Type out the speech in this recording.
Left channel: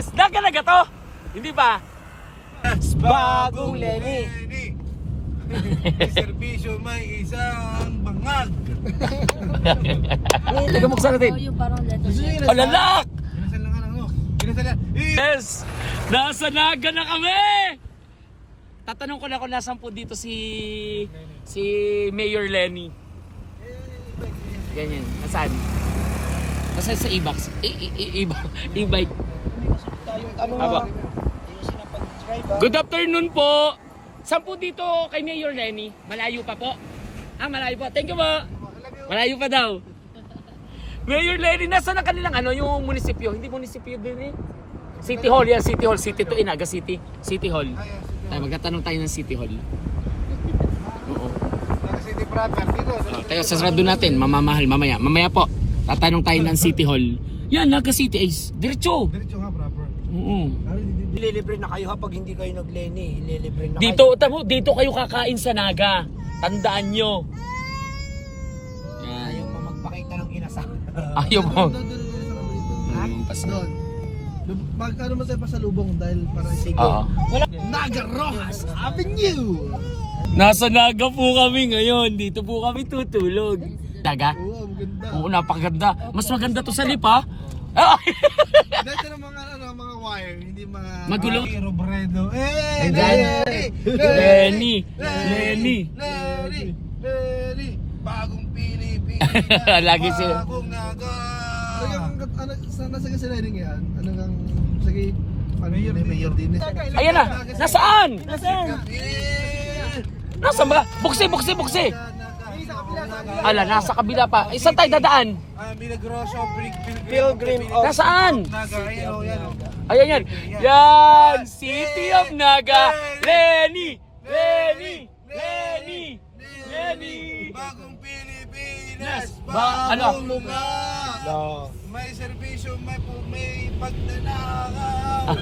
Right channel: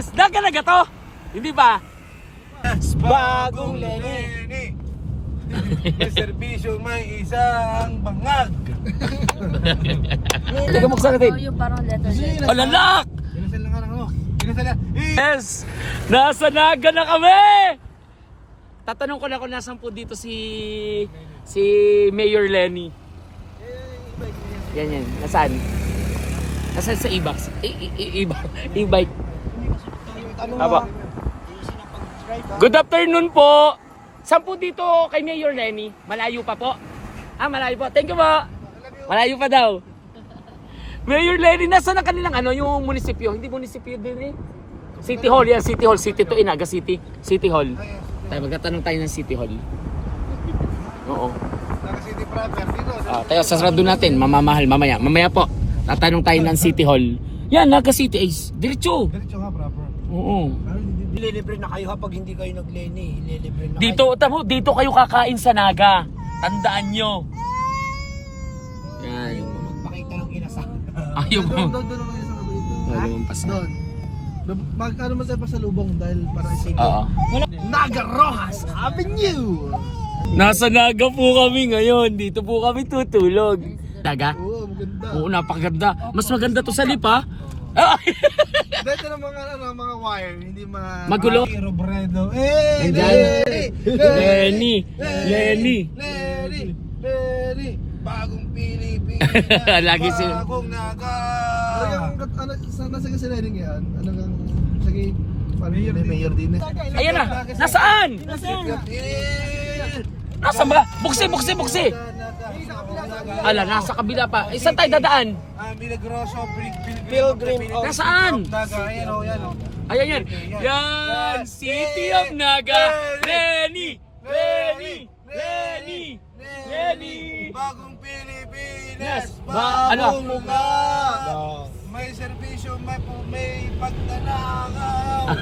Yes! Naga to! Hindi ba? Bagong Lenny. May serbisyo, may isang bangag. Taga buksan natin. Yung parang letter Z. Palanak! Kinasal na ka lang, Kinasal na. Yes! Nasa Naga na kami! Tatanong ko na kung nasan po dito si Mayor Lenny. Yan. Nasaan? Nasaan sa e-box? E-bike. Aba. Good afternoon po! Saan po dito kay Mayor Lenny? Malayo pa po? Malayo po. Thank you po! Malayo pa daw. Mayor Lenny, nasa ang kanilang yung munisipyo? Hindi munisipyo din eh. City Hall yan, City Hall. City to Inaga City. City Hall. Tayo, magtatanong tayo ng City Hall. Oo. City proper dito. Kaya sasarado natin, mamamahal mamaya. Mamaya po, tatanong tayo ng City Hall. Yan, Naga City Ace. Diretso. Diretso nga, proper. Oo. Ililibre na kayo kapag hindi kayo nag-Lenny. Ililibre na Dito kayo kakain sa Naga. Tandaan nyo. Yan. Magpakita ng inasal. Ayaw mo. Doon naman sa kabalito. Lumampas na. Doon. Magkano man tayo pa sa lubong dahil para sige. Oo. Naga Rojas Avenue! Nasa Naga po kami ngayon. Dito po kami tutulog. Naga? Oo, maganda. Oo, napakaganda. Mas maganda to sa lipa. Dito ng mga wire, hindi mga... Magulo. Robredo. Lenny. Bagong Pilipinas. Lagi si... Bagong Naga. Nasa kasi learning yan? Ano kang... Sige, mayor din eh. Ayan na. Nasaan? Nasaan ba? Buksi. Ala, nasa kabila pa. Saan tayo dadaan? Milagroso, Pilgrim of... Nasaan? Naga, yan o. Ayan. Yan. City of Naga. Lenny. Bagong Pilipinas. Ano? Bagong mukha. May serbisyo, may pagdanakaw.